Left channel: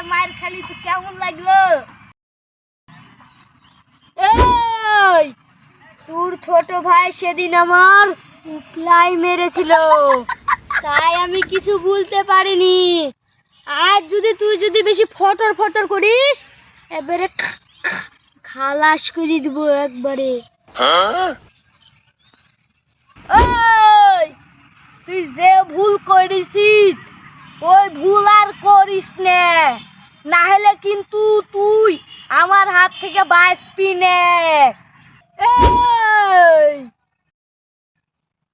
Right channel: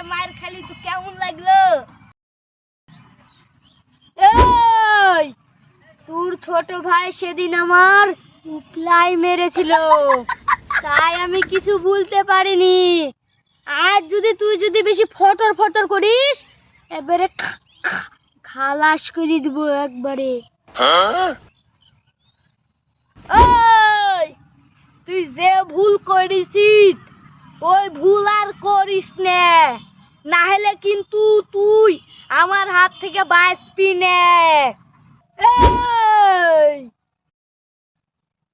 হাতে মার খালি তো কেমন লাগলো? এই তোর ছোট ভাই সেদিন আমার প্লাই মেরেছিল, তাই আমি কিছু বলতে পারিনি। আর তুই বেশি ফটর ফটর করিস, এবারে খালাস করে দিব একবারে। ওই তুই যে ভুল করিস ওই ভুল আর করিস না, না হলে কিন্তু তুই আমার হাত থেকে বাঁচবি না। এই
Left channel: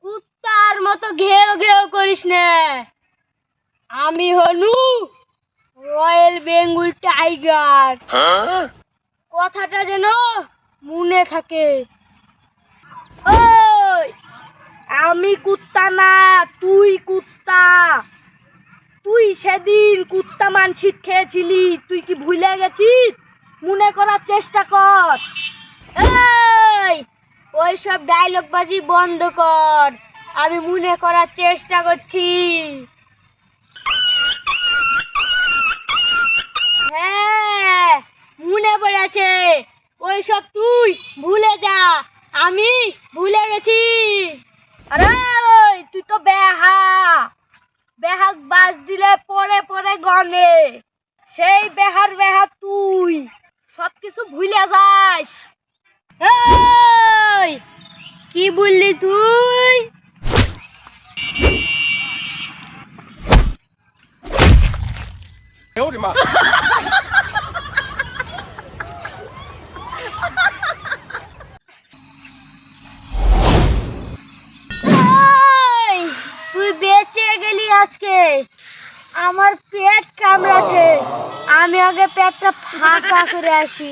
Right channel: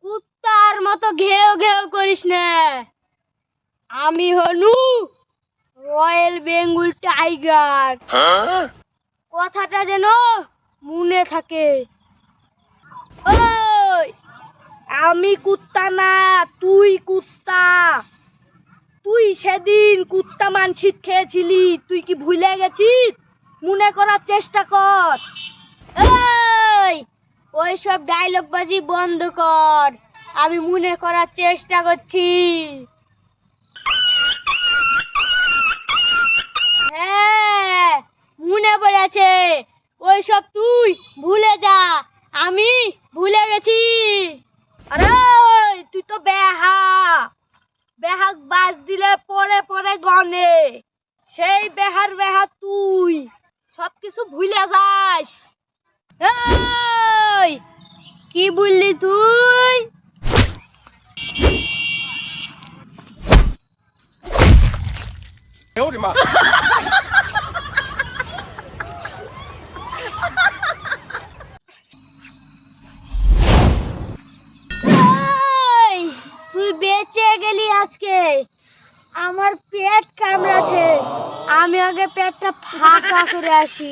কুত্তার মতো ঘেউ ঘেউ করিস না। আমি হলু রয়্যাল বেঙ্গল টাইগার, কথাটা যেন মনে থাকে। ওই আমি কুত্তা না, তুই কুত্তা। তুই সেদিন কুত্তা মানসিক খেয়েছিলি, তুই কি ভুলে গেছিস? মনে করার চেষ্টা কর। এই ওইসব ডায়লগ বাজি বন্ধ কর, আমি মনে করার চেষ্টা করছি। হ্যাঁ মনে পড়েছে, ওইসব তুই ভুলে যা, আমি ভুলে গেছি। আরে তুই তো বেহাক বাস দিলে পরে পরে গনে, সেই বেহা তুই সবকিছু ভুলে যাস। এই কি বললি তুই? এই, তুই বেঁচে গেলি আজকে। আমার পেট কামড়াছে, আমি আগে পেটটা ফাঁকা করে আসি।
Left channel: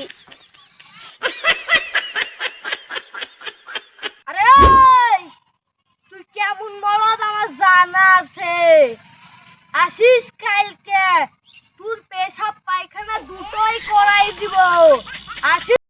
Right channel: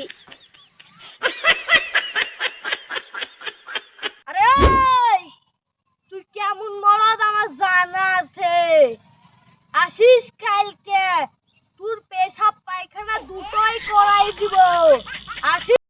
আরে তুই কেমন বলদ আমার জানা আছে। আসিস কালকে, তোর পেশাব পায়খানা দুটোই করাই দিব। আসিস।